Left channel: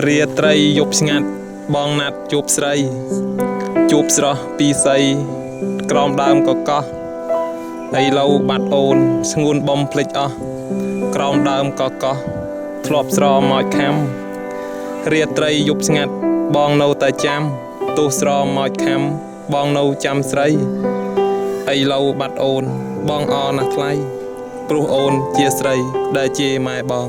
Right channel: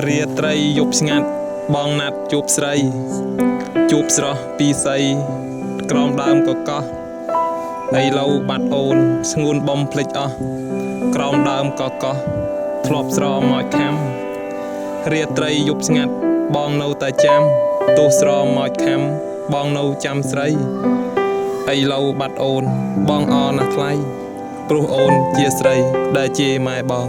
រៀត្រីយប់ស្ងាត់បងណាត់ជួបស្រីជួបស្រស់ពីស័យក្រោមដើមកកោះឥឡូវបាត់អូនស្ងួនបំភ្លេចអស់ក្រោមដើមកកោះធ្លាប់ស្រមកខំរៀត្រីយប់ស្ងាត់បងនៅតែចាំទោះស្រមកខំបងនៅចាំស្រីឥឡូវបាត់អូនបងអណាស់ថ្លៃព្រោះអូនជាស្រីដែលជាម៉ែបង